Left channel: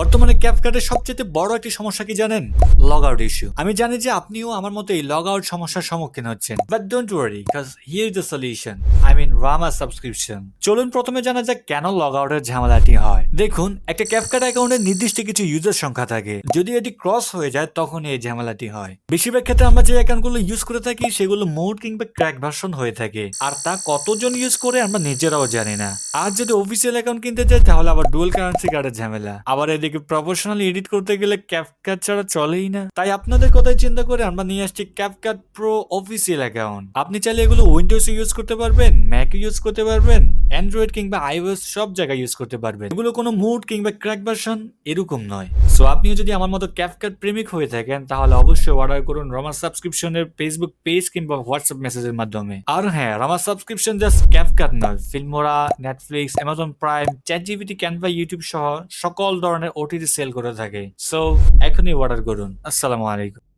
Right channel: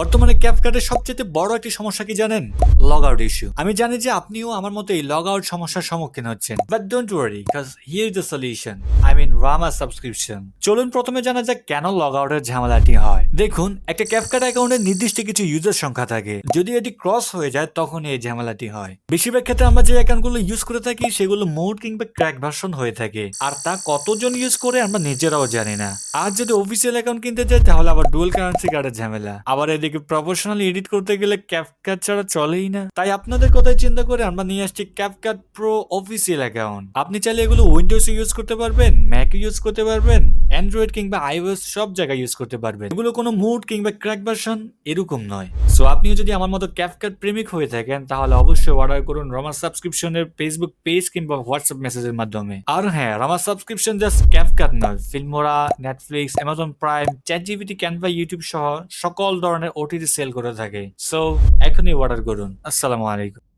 বর্তমানে ক্যাপকাটের সবচেয়ে বড় একটি সমস্যা কি জানেন? Log out issue. আমি জানি যে আপনিও আমার মতো এই লগ আউট সমস্যার সম্মুখীন হচ্ছেন, but don't worry because here is the solution. I mean Rama subscription. চলুন প্রথমে জানা যাক কেন লগ আউটের ঝামেলাটি হয়। দেখুন, একটা ক্যাপকাট অ্যাকাউন্টে নির্দিষ্ট কিছু ইউজার সংখ্যা থাকে। যদি এটি ক্রস হয়ে যায় তখন এই ঝামেলাটি হয়। বেশিরভাগ ক্ষেত্রে আমরা যে অ্যাকাউন্টগুলো ইউজ করে থাকি সেগুলো মোড কিংবা ক্র্যাক ভার্সন হয়ে থাকে, আর তা কতজন ইউজ করে আমরা নিজেরাও জানি না। আর যদি অফিসিয়াল অ্যাকাউন্ট কিনতে চাই তাহলে আবার ডুয়াল কারেন্সি কার্ডের ঝামেলা। আবার এদিকে প্রফেশনালি এডিট করতে গেলে ক্যাপকাট ছাড়া চলেই না। তাই আপনাদের কথাই চিন্তা করে আমরা নিয়ে আসছি ক্যাপকাট প্রো অফিসিয়াল অ্যাকাউন্ট। আপনি চাইলে এগুলো উইন্ডোজ ইউজ করতে পারবেন, ম্যাক ইউজ করতে পারবেন, অ্যান্ড্রয়েড কিংবা আইওএস সব জায়গায় ইউজ করতে পারবেন। এগুলো কোনো মুড কিংবা ক্র্যাক ভার্সন এরকম নয়। সো আপনিও যদি আমার মতো ক্যাপকাট প্রেমিক হয়ে থাকেন তাহলে অবশ্যই অর্ডার করুন রমা সাবস্ক্রিপশনের ফেসবুক পেজ কিংবা হোয়াটসঅ্যাপ মেসেজের মাধ্যমে। আর হ্যাঁ, রমা সাবস্ক্রিপশন জাস্ট ক্যাপকাট নয়, Filmora, Netflix, Amazon prime, ChatGPT, Canva, YouTube সহ সকল ধরনের ওটিটি সেল করে থাকে। সো এখনই অর্ডার করুন। আসসালামু আলাইকুম।